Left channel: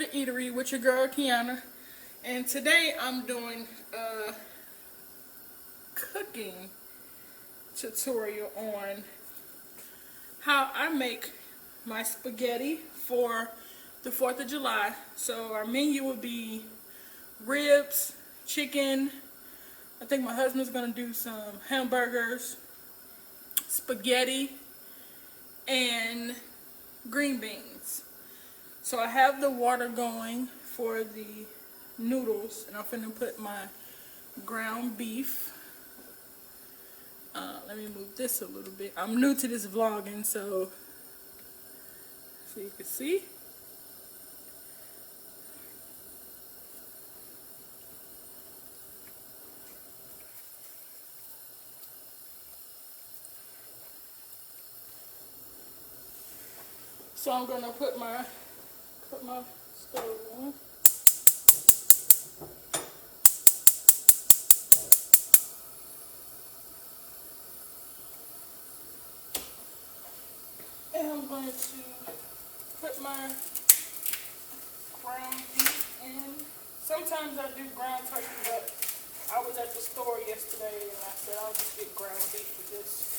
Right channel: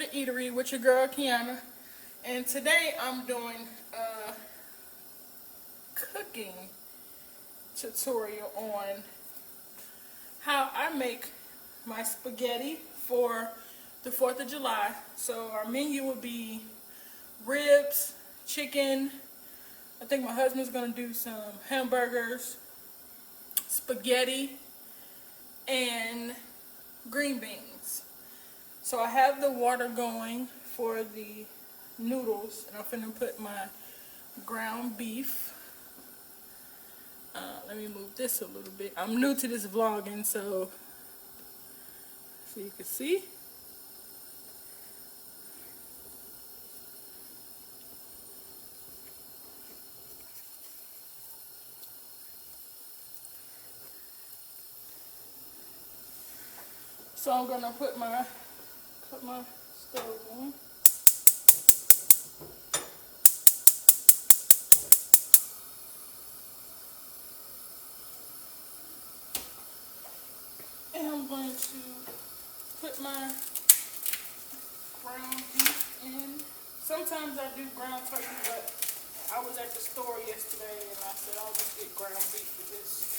the Eatery with your girl Kiana, and today I'm doing a cooking tutorial on how I make my spaghetti for the 4th of July. So our menu will be ribs, chicken, I think my husband's going to do some hamburgers, spaghetti, and green beans. So I have the water going for the noodles, and I'm finna put my ground beef. Let me move this a little bit. I'm new to this vlogging, so you can see. So I'm gonna put my stove on. And I'm going to put my ground beef in. Sometimes I do ground turkey, but I was at the store yesterday and I said I'll just get ground beef for this.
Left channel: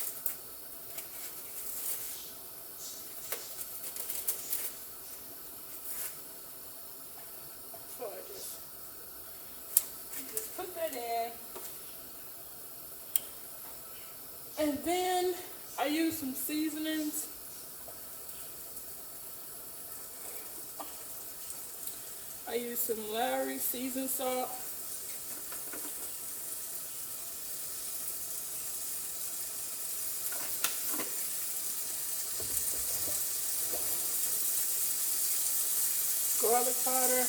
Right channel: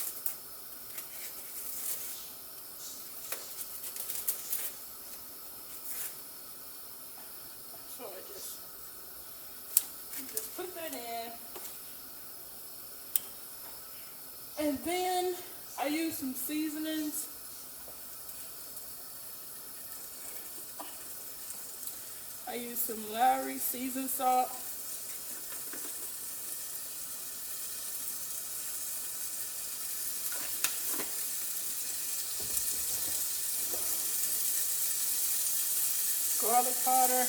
So I just put that in. And then I use some seasonings. I use some Lowry seasoned salt. Garlic powder.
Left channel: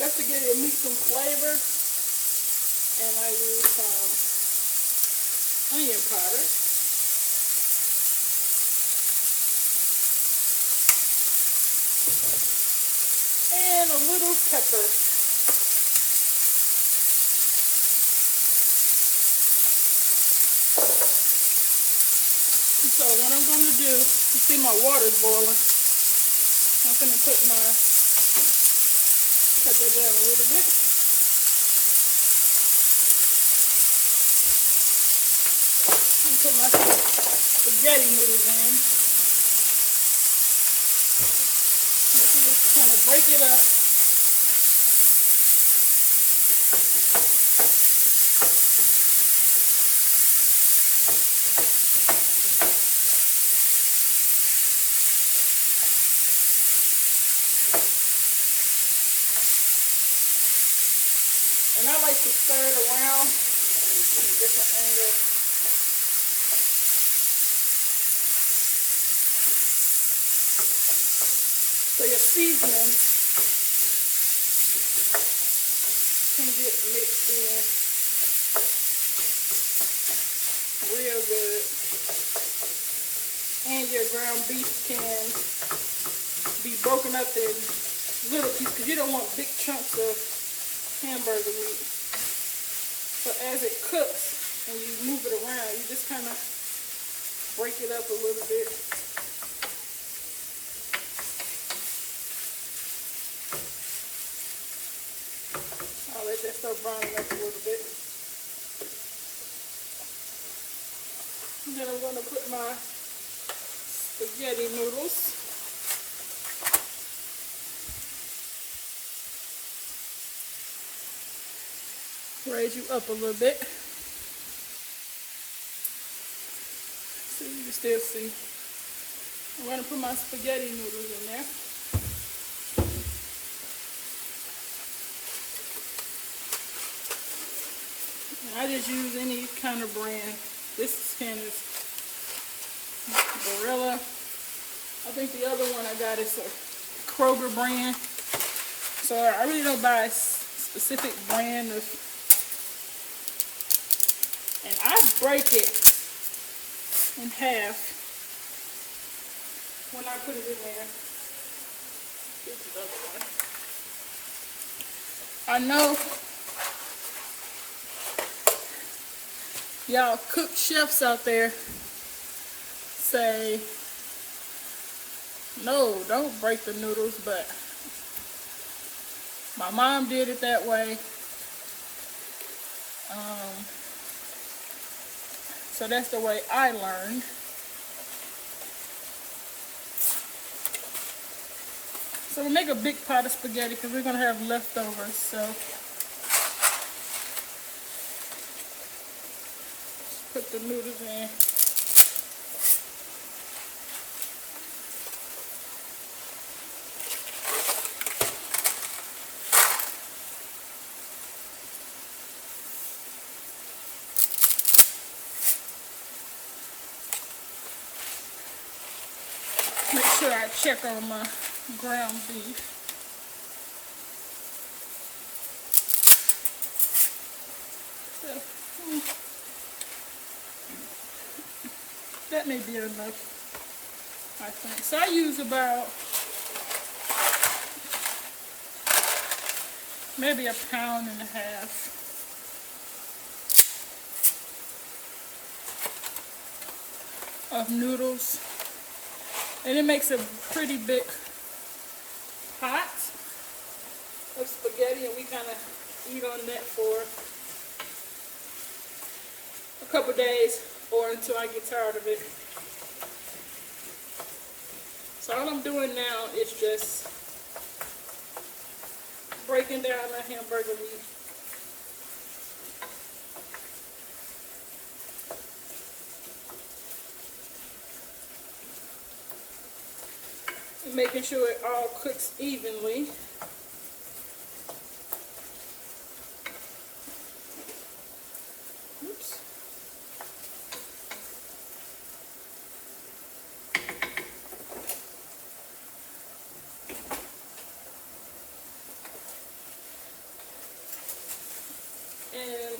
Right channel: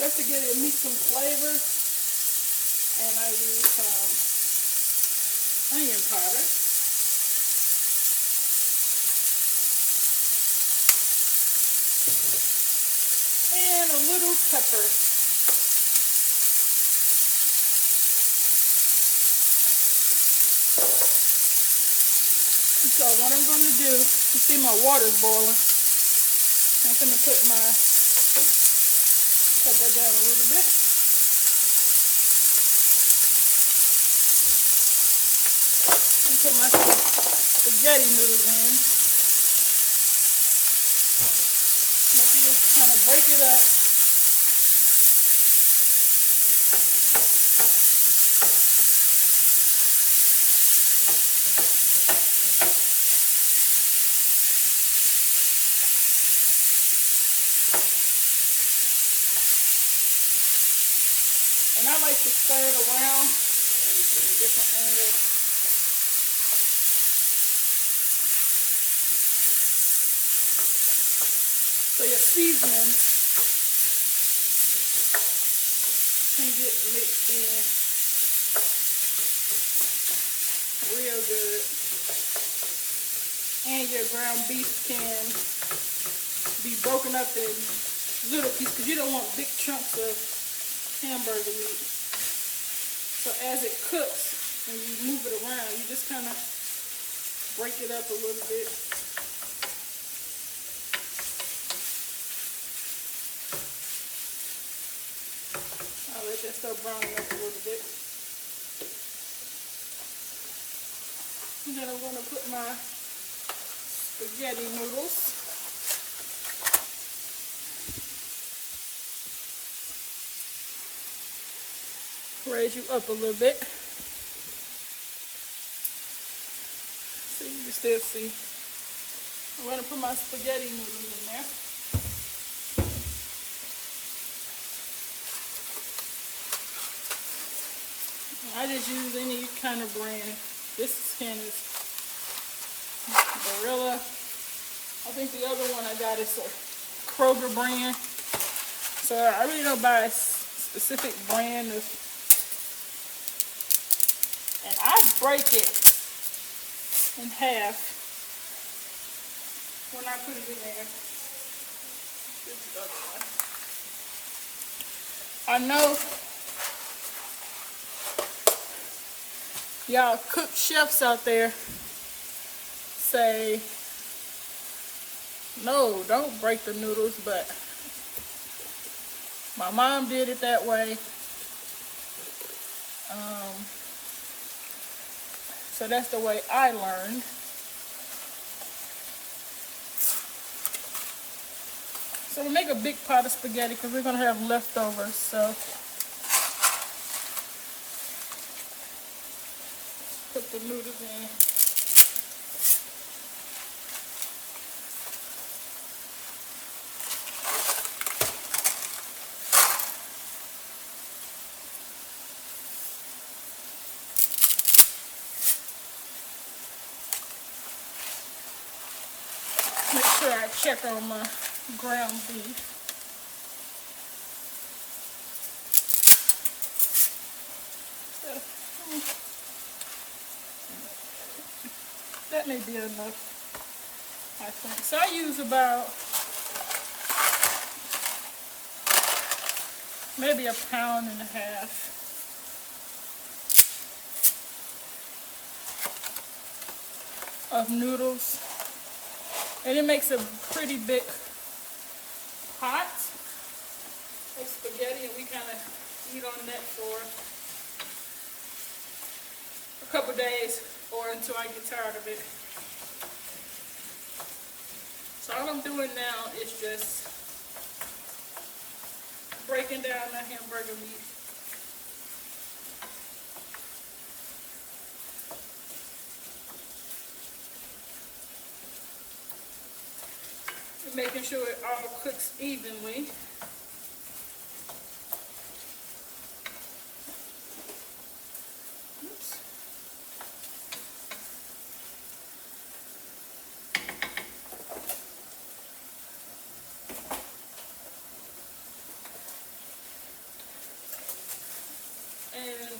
Just to give it meat some flavor. And I use some onion powder. And a little pepper. So what I'm going to do, you see my water's boiling. I'm going to put that down a little bit. And put my spaghetti noodles in. Just kind of break it up. And I like to stir it around in different angles. So your seasoning can get mixed in real good. And your ground beef can be broken up in little pieces because you don't want big chunks of hamburger meat. So as it cooks and you move it around, you just kind of break it up a little bit. I'll let that start browning up a little bit. And then I'm going to put my spaghetti noodles. Raise you up a little bit. So you can still see. I'm going to put my spaghetti noodles in there. I just use any kind of brand. This can is Barilla. I think the other one I got is a Kroger brand. So I really don't buy a specific brand of. And I break it in half when I put it in there. This is the other one. I know y'all cook chefs out there say, no, don't break the noodles, but my mom did it that way. So that's the way I learned. So we'll make a big pot of spaghetti because we're going to have leftovers. So put the noodles in. Make sure I check on my ground beef. That may be enough, I think. So I use about maybe 1.5 pounds of noodles. And it makes a pretty big pot of spaghetti, and we kind of eat on that for a couple days or until I get tired of it. So all I'm doing now is just breaking down the hamburger meat. And making sure it all cooks evenly. Oops. And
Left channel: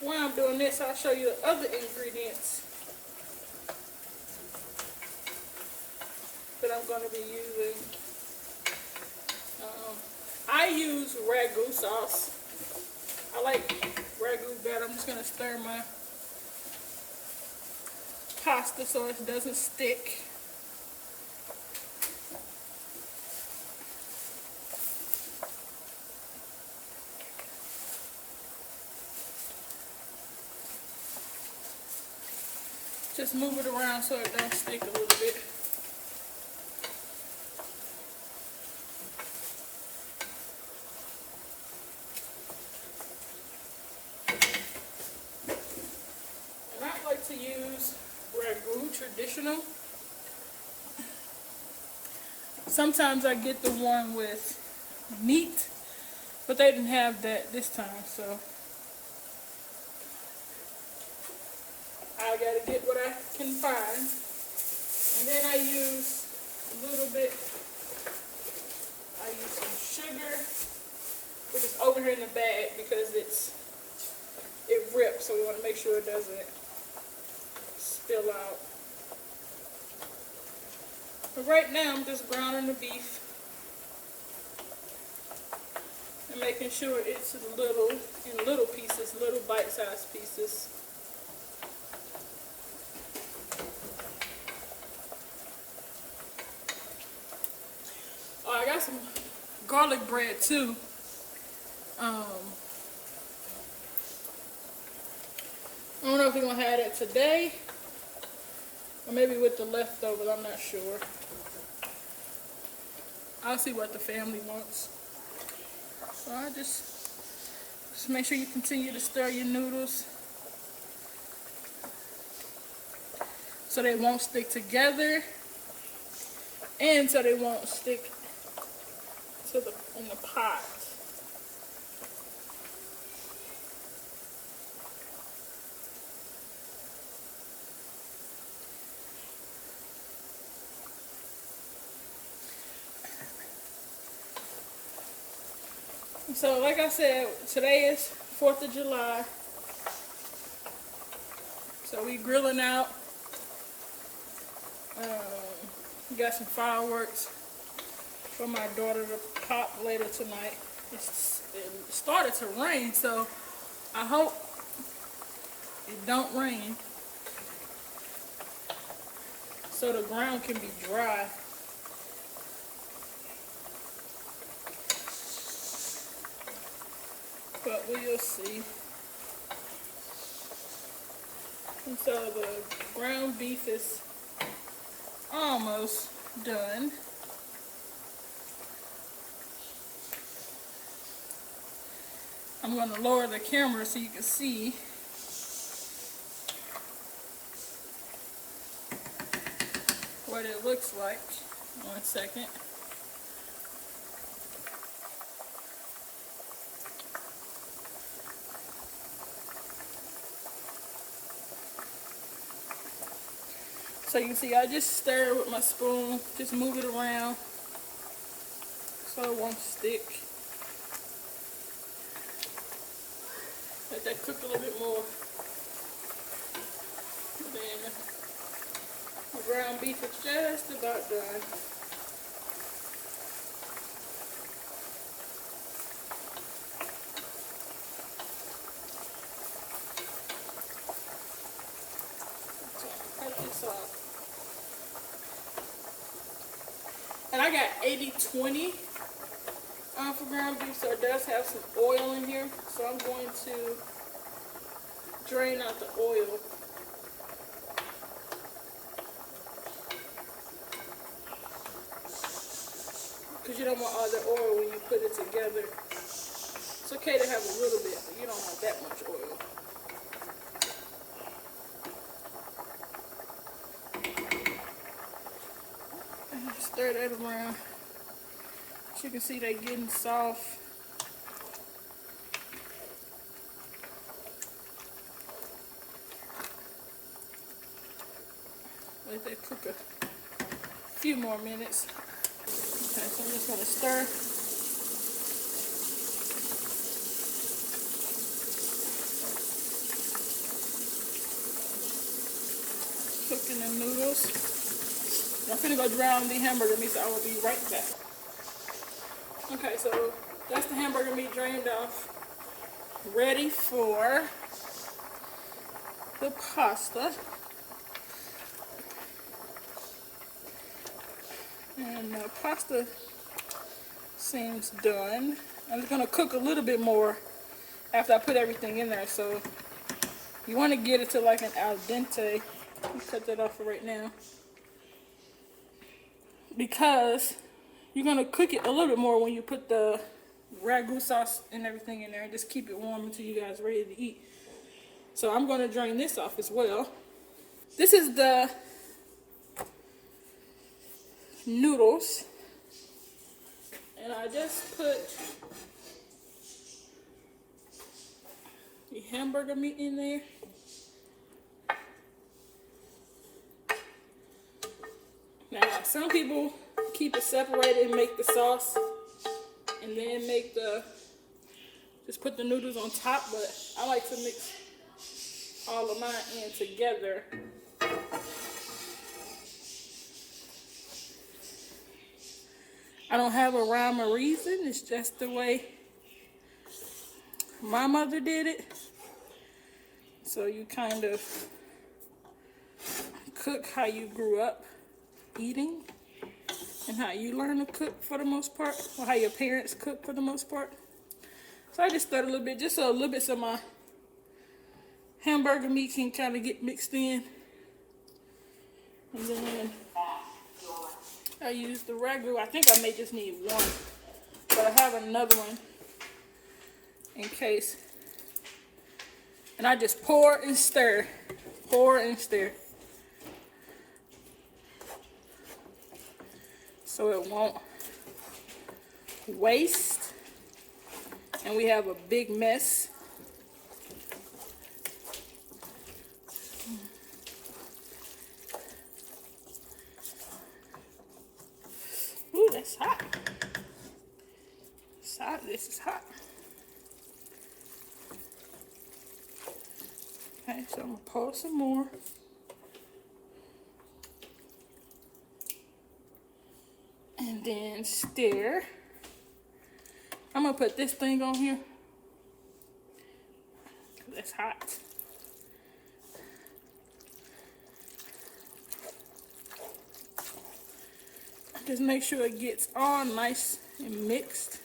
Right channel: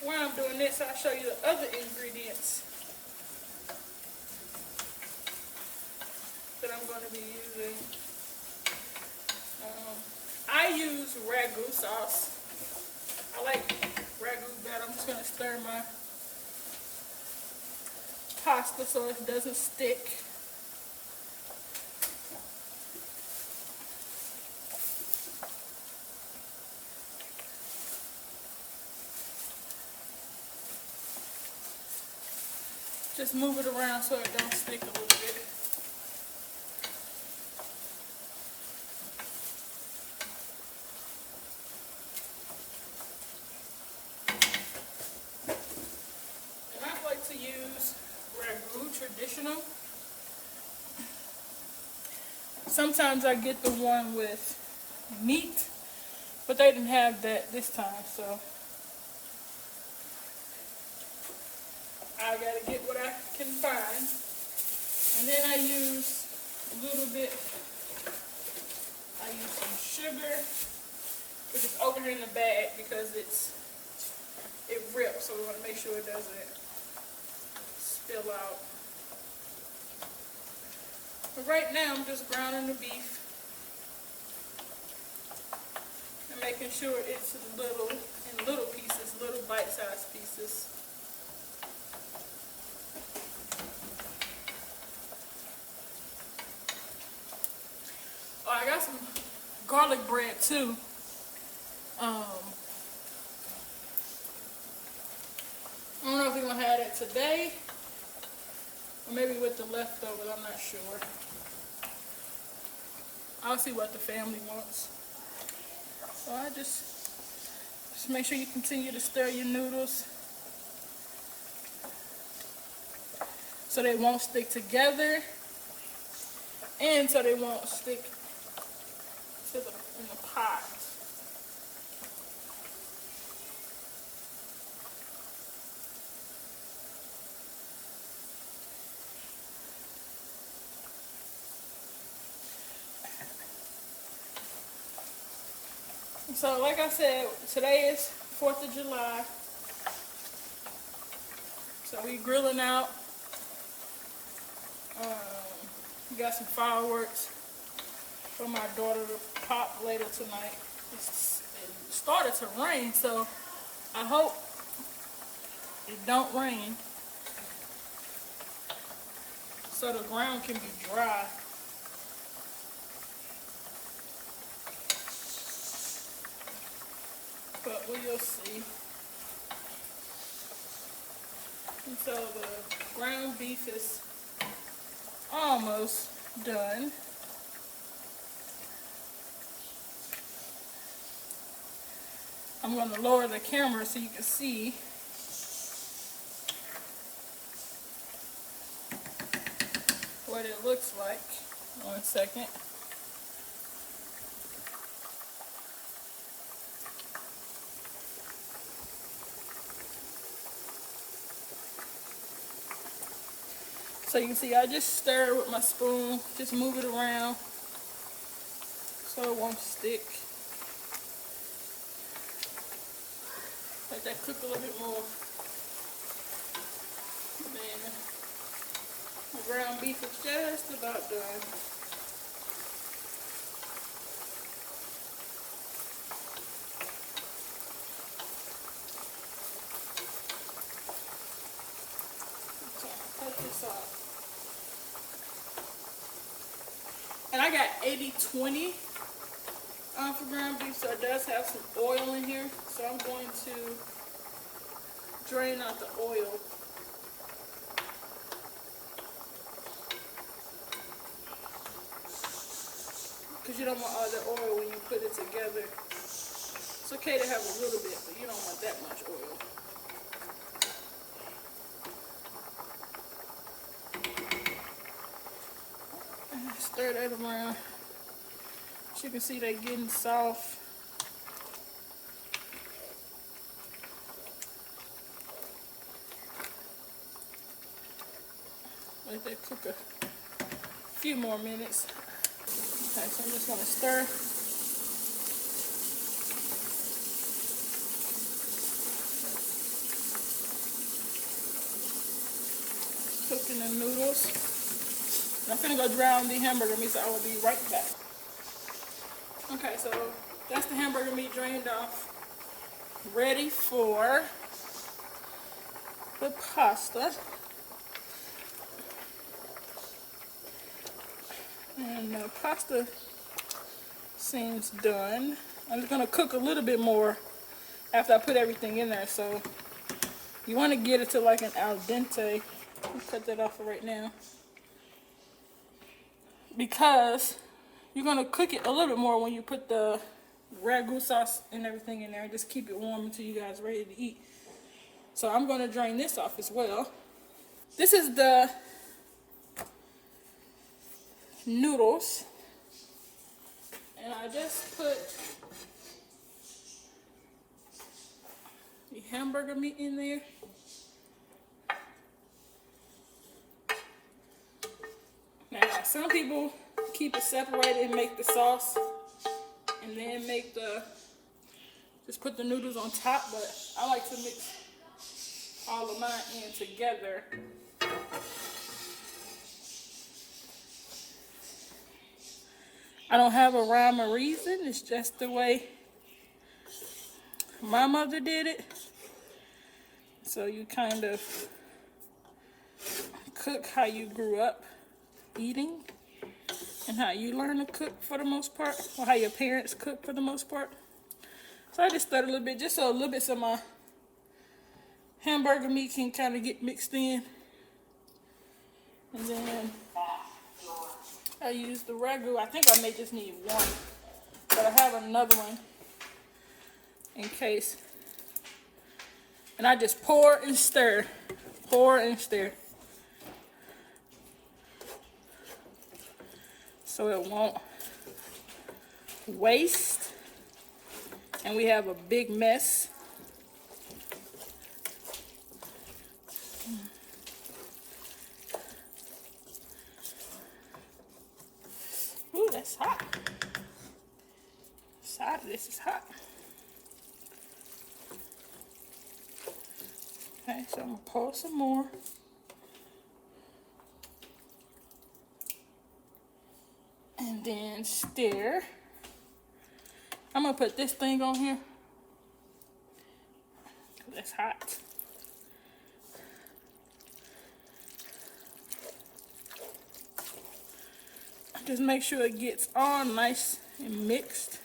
while I'm doing this, I'll show you the other ingredients that I'm going to be using. I use ragu sauce. I like ragu better. I'm just going to stir my pasta so it doesn't stick. Just move it around so it don't stick a little bit. And I like to use ragu traditional. Sometimes I get the one with meat, but they didn't have that this time, so I gotta get what I can find. And then I use a little bit, I use some sugar, which is over here in the bag because it rips, so we want to make sure it doesn't spill out. But right now I'm just browning the beef and making sure it's in little pieces, little bite-sized pieces. Oh, I got some garlic bread too. I don't know if we're going to have that today or maybe with the leftovers, I'm not sure. I'll see what the family wants. So I just make sure you continue to stir your noodles so they won't stick together and so they won't stick in the pot. So like I said, today is 4th of July. So we grilling out. We got some fireworks for my daughter to pop later tonight It started to rain, so I hope it don't rain so the ground can be dry. But we'll see. And so the ground beef is almost done. I'm going to lower the camera so you can see. What it looks like. 1 second. So you can see I just stir with my spoon, just move it around so it won't stick. Let that cook a little bit more. Then my ground beef is just about done. Cut this off. And I got 80-20 for ground beef, so it does have some oil in here. So I'm going to drain out the oil. Because you don't want all the oil when you put it together. It's okay to have a little bit, but you don't want that much oil. And stir that around. As you can see, they're getting soft. Let that cook a few more minutes. Okay, so I'm just going to stir. Cooking the noodles. I'm going to go drown the hamburger meat, so I will be right back. Okay, so that's the hamburger meat drained off. Ready for the pasta. And the pasta seems done. I'm just going to cook a little bit more after I put everything in there. So you want to get it to like an al dente. Let's cut that off for right now. Because you're going to cook it a little bit more when you put the ragu sauce and everything in there. And just keep it warm until you guys are ready to eat. So I'm going to drain this off as well. This is the noodles, and I just put the hamburger meat in there. Now some people keep it separated and make the sauce and then make just put the noodles on top, but I like to mix all of mine in together. I don't have a rhyme or reason. It's just the way my mother did it. So you kind of cook how you grew up eating and how you learn to cook for the most part, or how your parents cook for the most part. So I just stirred a little bit, just so a little bit so my hamburger meat can kind of get mixed in. And then I used the ragu. I think I may just need one, but I have another one in case. And I just pour and stir, pour and stir, so it won't waste and we have a big mess. Ooh, that's hot. It's hot. This is hot. Okay, so I'm gonna pour some more. And then stir. I'm gonna gonna put this thing on here. It's hot. Just make sure it gets all nice and mixed.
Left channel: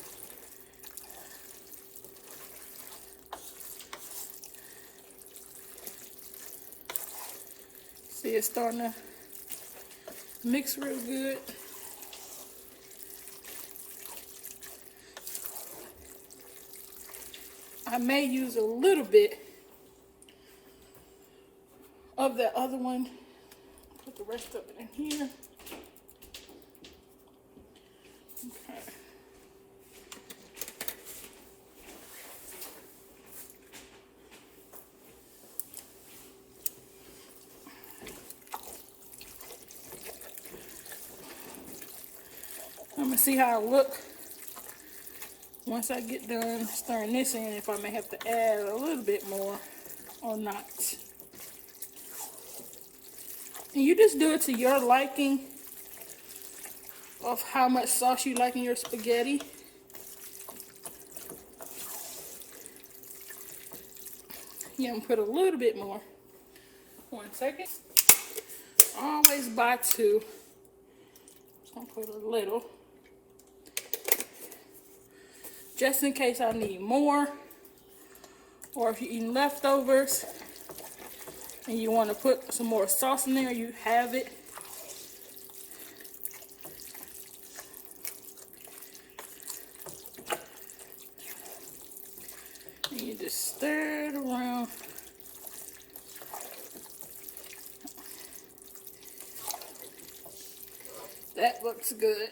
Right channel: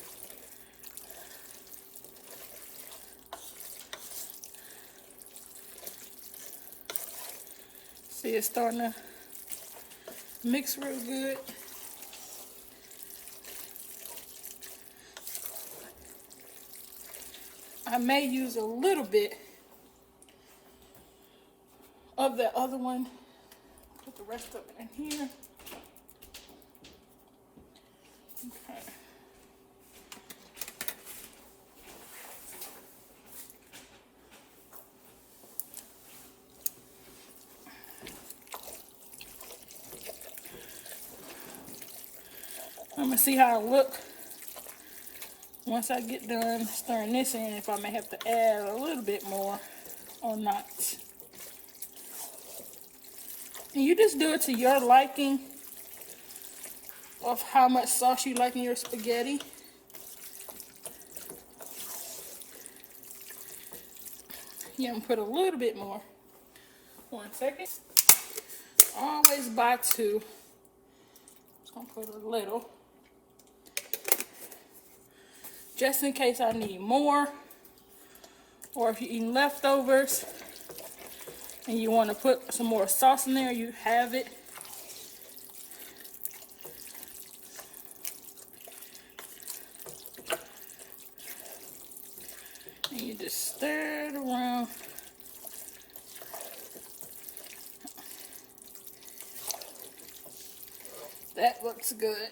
See, it's starting to mix real good. I may use a little bit of that other one. Put the rest of it in here. Okay. I'm gonna see how it look once I get done stirring this in, if I may have to add a little bit more or not. And you just do it to your liking of how much sauce you like in your spaghetti. Yeah, I'm gonna put a little bit more. 1 second. Always buy 2. Just gonna put a little. Just in case I need more. Or if you're eating leftovers and you want to put some more sauce in there, you have it. And you just stir it around. That looks good.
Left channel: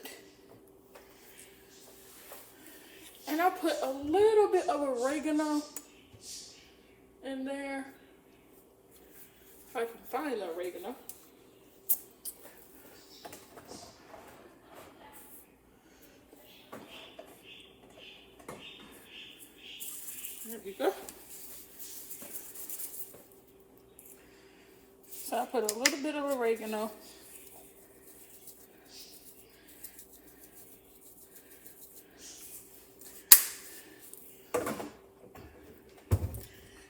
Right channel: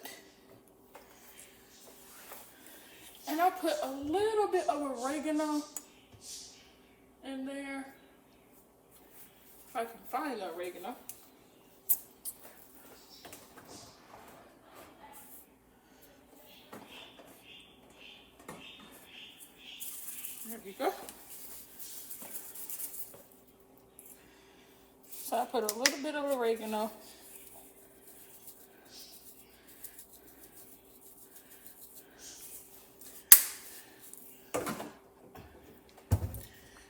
And I'll put a little bit of oregano in there. If I can find the oregano. There we go. So I put a little bit of oregano.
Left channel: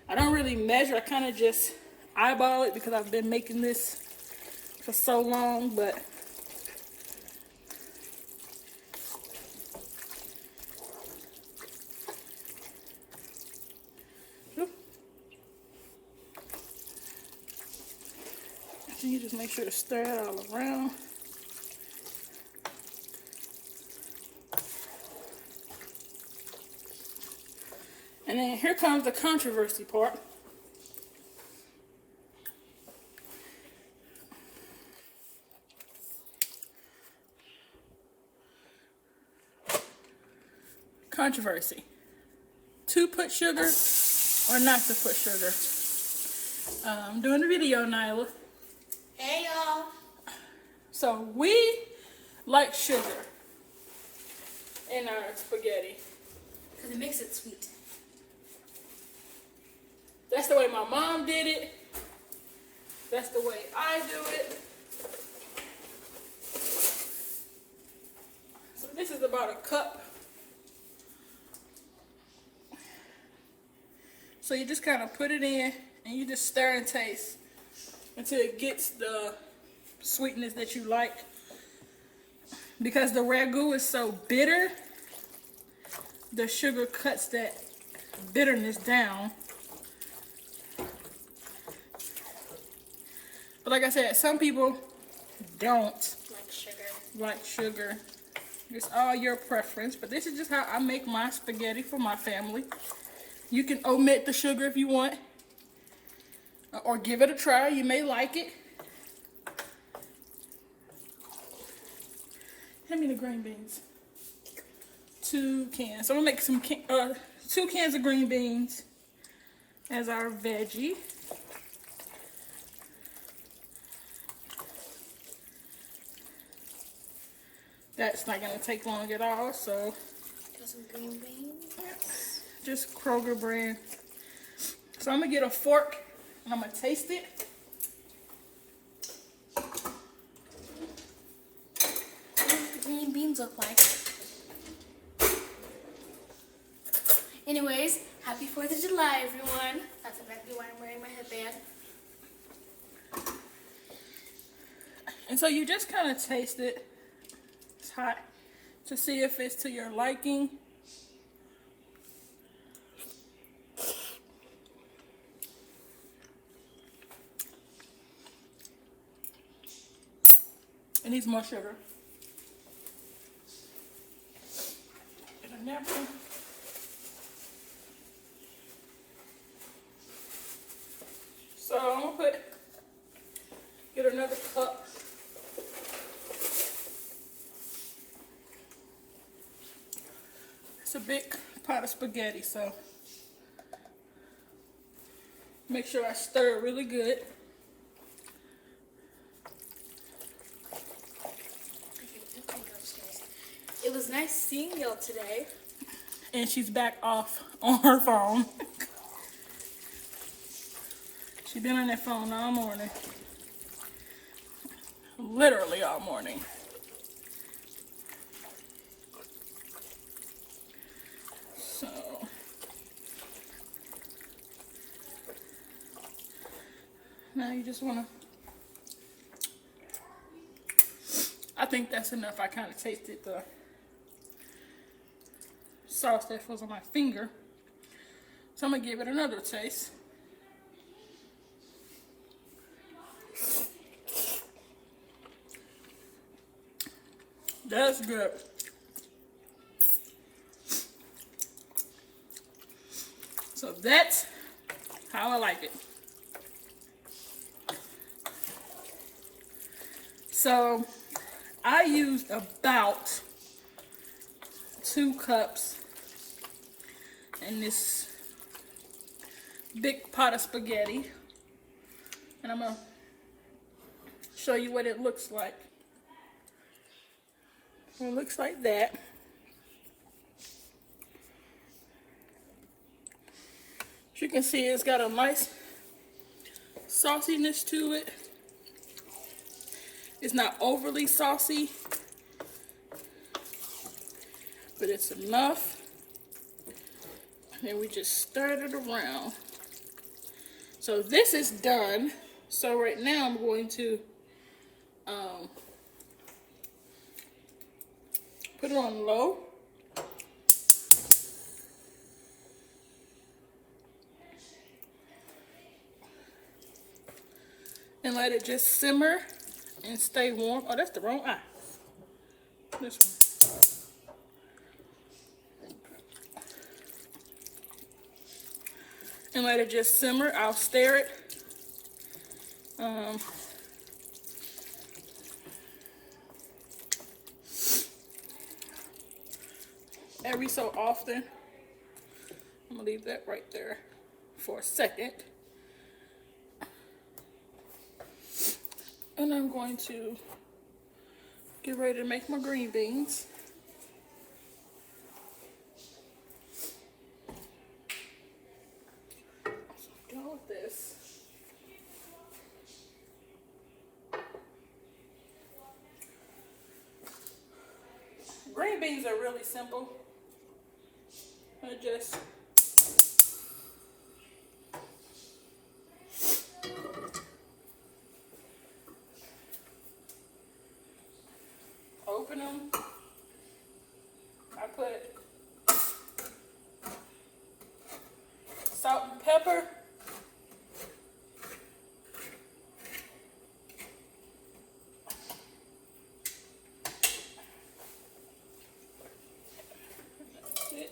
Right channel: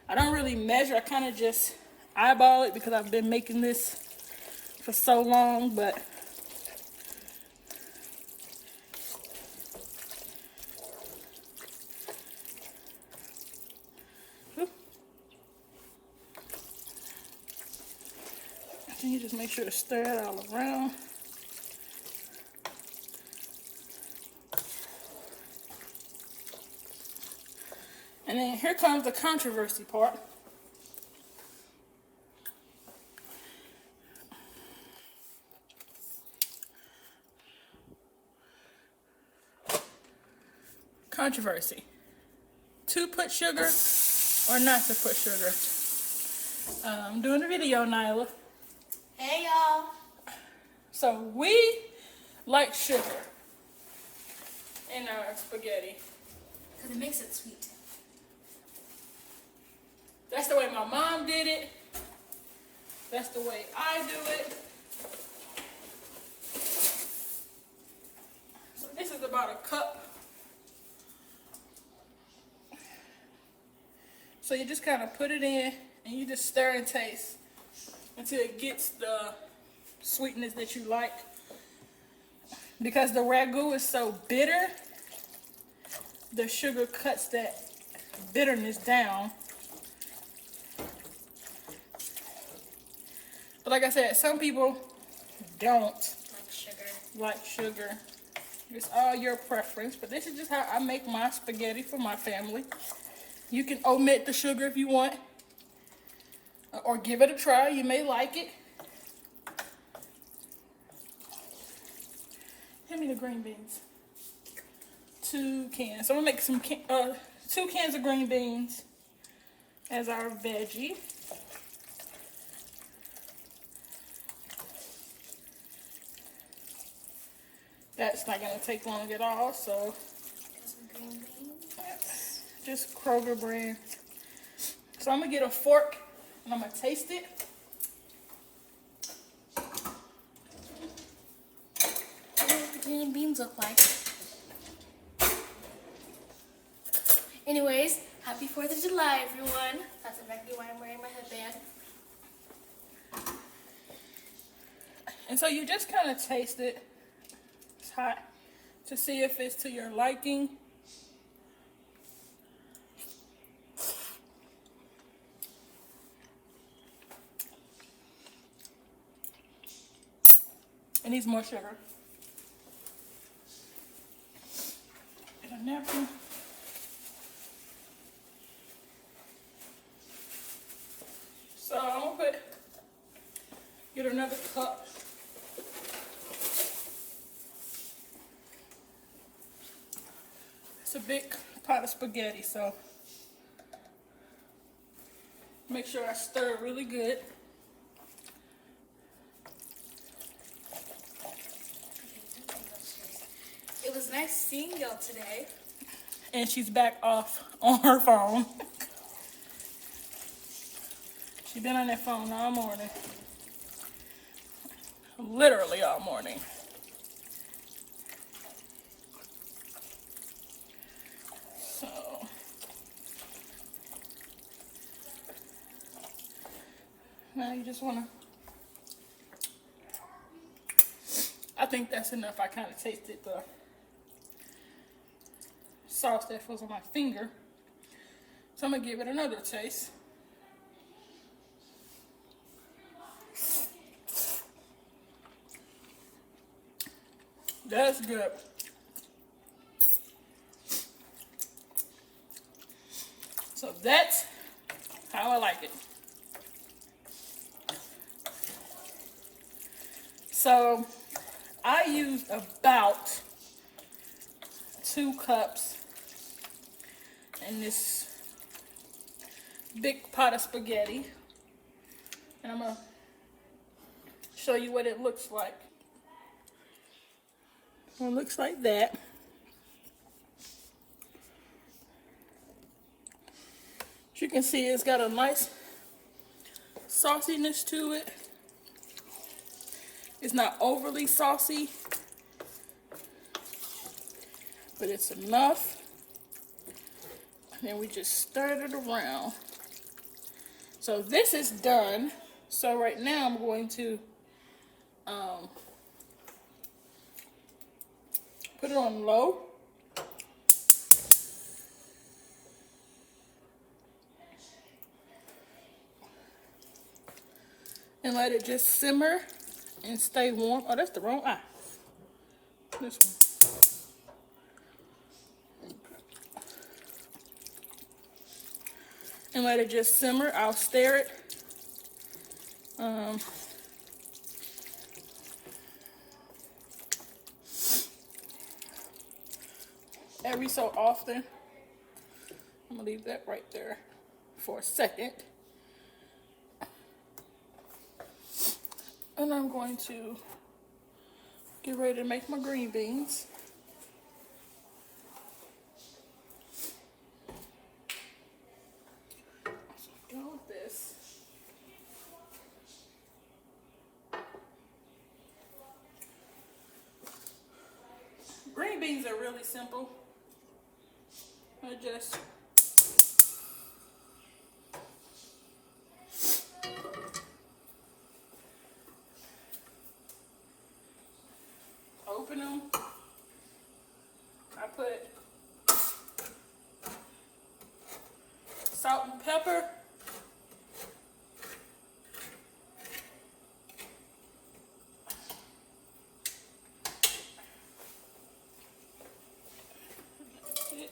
I don't really measure, I kind of just eyeball it because I've been making this for so long, but you just make sure to stir it all around. And then here comes the controversy part. Controversy. To put sugar or not to put sugar. I'm doing a video, Nyla. Hey y'all. So we like sugar in our spaghetti. Because it makes it sweet. That's the way my mom did it. That's the way I do it. So this is about a cup. So you just kind of put it in and you just stir and taste until it gets the sweetness that you like. Because the ragu is so bitter, the sugar cuts that bitterness down. But like I said, some people don't like sugar. It's all your preference. But this is just how I make my spaghetti for my family. You can omit the sugar if you want. Or give it a try. You may like it. Hand me the green beans. 2 cans. So I'm going to make some 2 cans of green beans as our veggie. That's not going to take long at all, so. Got some green beans. Yep. Just Kroger brand. So I'm going to get a fork and I'm going to taste it. What do the green beans look like? Anyways, happy 4th of July, everyone. That's exactly why I'm wearing my headband. And so you just kind of taste it. It's hot. To see if it's to your liking. It needs more sugar. And a napkin. So I'm gonna get another cup. It's a big pot of spaghetti, so make sure I stir it really good. It was nice seeing y'all today. And she's back off on her phone. She's been on that phone all morning. Literally all morning. So now you just want to, I think that's enough. I kind of tasted the sauce that was on my finger. So I'm going to give it another taste. That's good. So that's how I like it. So I used about 2 cups in this big pot of spaghetti. And I'm going to show you what it looks like. It looks like that. As you can see, it's got a nice sauciness to it. It's not overly saucy, but it's enough. And we just stir it around. So this is done. So right now I'm going to put it on low. And let it just simmer and stay warm. Oh, that's the wrong eye. This one. And let it just simmer. I'll stir it. Every so often. I'm gonna leave that right there for a second. And I'm going to get ready to make my green beans. So I'm done with this. Green beans are really simple. I just open them. I put salt and pepper. That's it.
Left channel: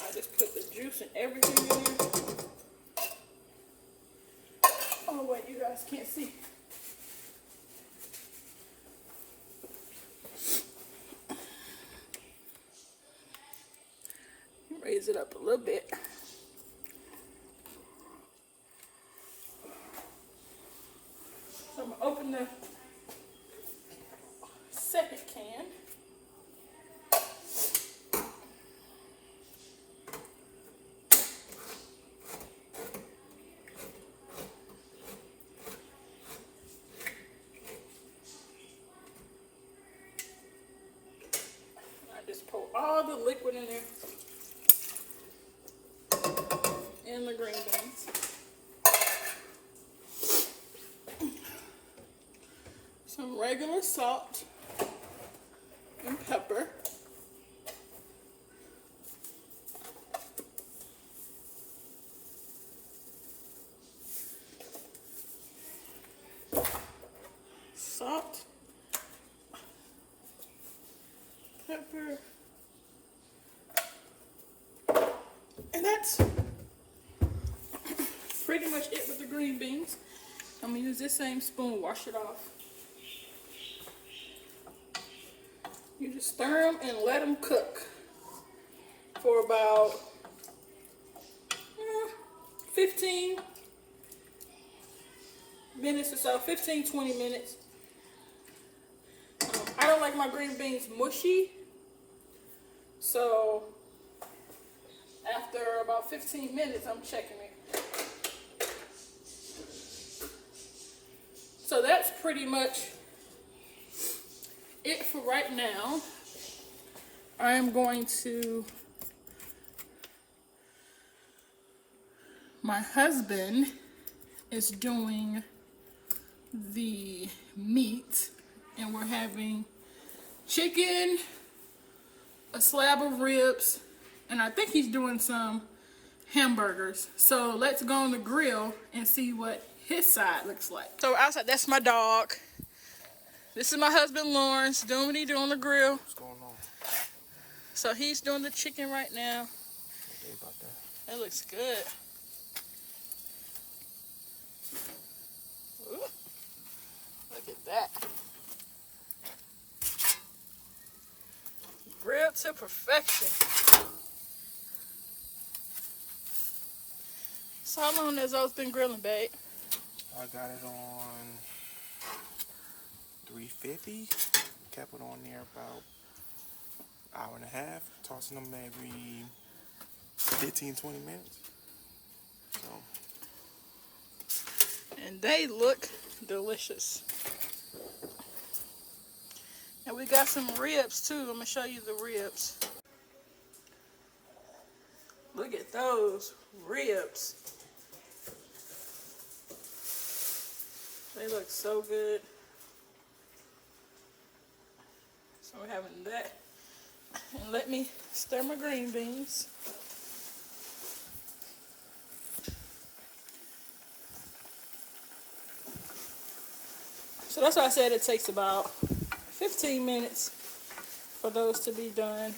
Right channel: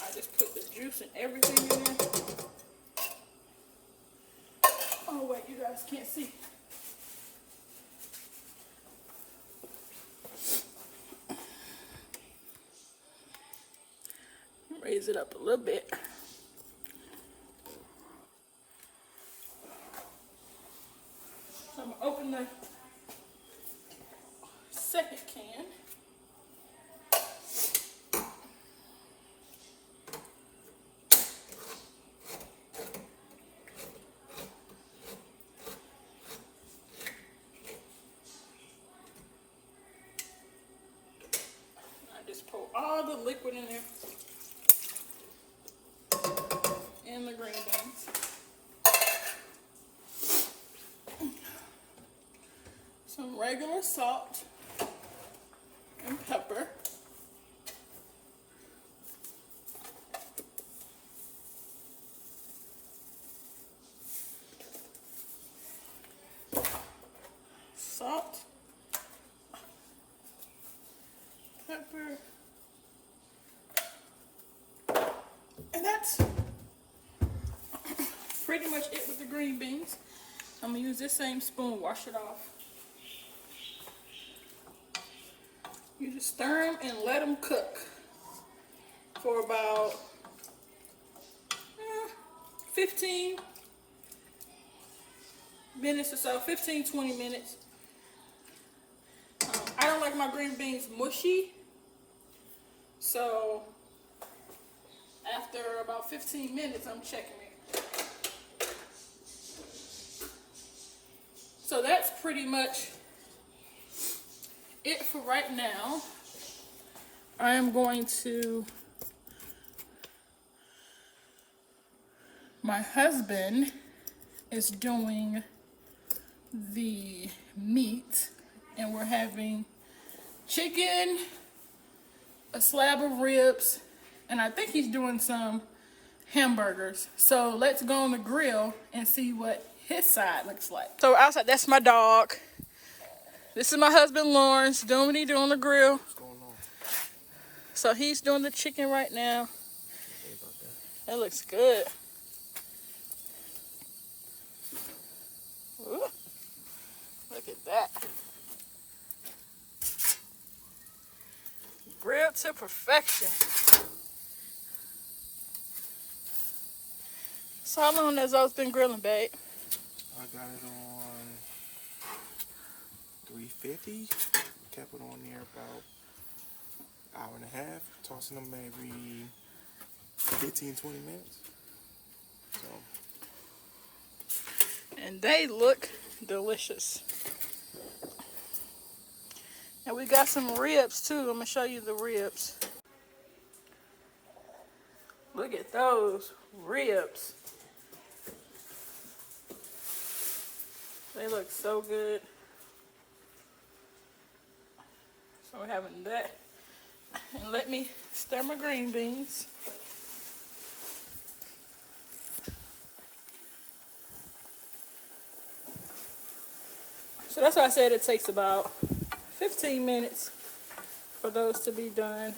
I just put the juice and everything in there. Oh wait, you guys can't see. Raise it up a little bit. So I'm going to open the second can. I just pour all the liquid in there. salt and pepper. Salt, pepper, and that's pretty much it with the green beans. I'm gonna use this same spoon, wash it off. You just stir them and let them cook for about 15 minutes or so, 15-20 minutes. I don't like my green beans mushy, so after about 15 minutes, I'm checking it. So that's pretty much it for right now. I am going to, my husband is doing the meat, and we're having chicken, a slab of ribs, and I think he's doing some hamburgers. So let's go on the grill and see what his side looks like. So outside, that's my dog. This is my husband Lawrence doing what he do on the grill. What's going on? So he's doing the chicken right now. That looks good. Ooh, look at that. Grilled to perfection. So how long has those been grilling, babe? I got it on 350. Kept it on there about an hour and a half. Tossing them every 15-20 minutes. So. And they look delicious. And we got some ribs too. I'm gonna show you the ribs. Look at those ribs. They look so good. So we're having that. And let me stir my green beans. So that's why I said it takes about 15 minutes for those to be done.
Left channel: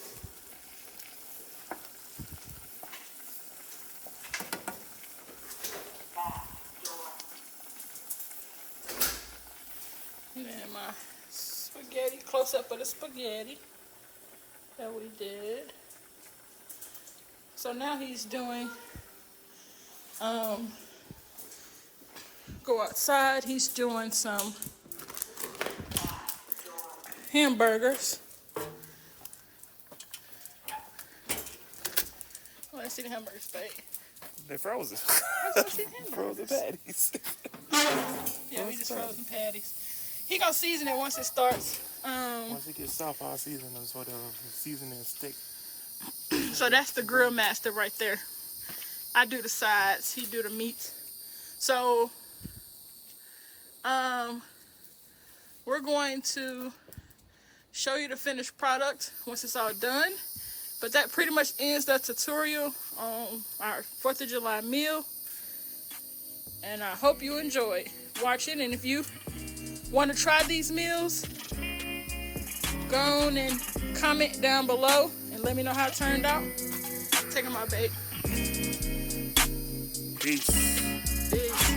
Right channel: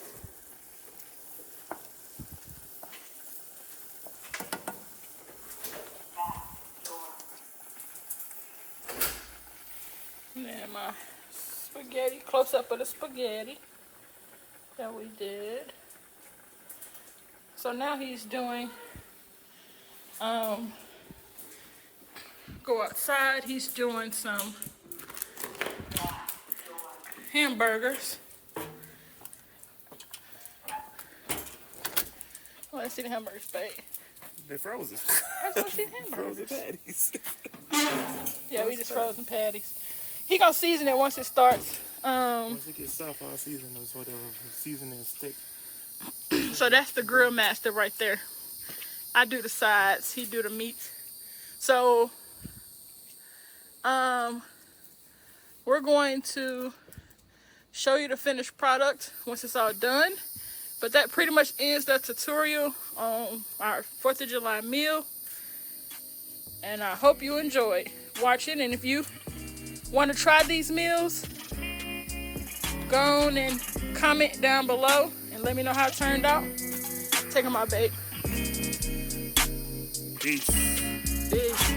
And then my spaghetti, close up of the spaghetti that we did. So now he's doing, go outside, he's doing some hamburgers. Oh, let's see the hamburgers, babe. They're frozen. I want to see hamburgers. Frozen patties. Yeah, we just frozen patties. He gonna season it once it starts. Once it gets soft, I'll season them so the seasoning stick. So that's the grill master right there. I do the sides, he do the meat. So, we're going to show you the finished product once it's all done. But that pretty much ends the tutorial on our 4th of July meal. And I hope you enjoyed watching. And if you want to try these meals, go on and comment down below and let me know how it turned out. Take them out, babe. Peace. Peace.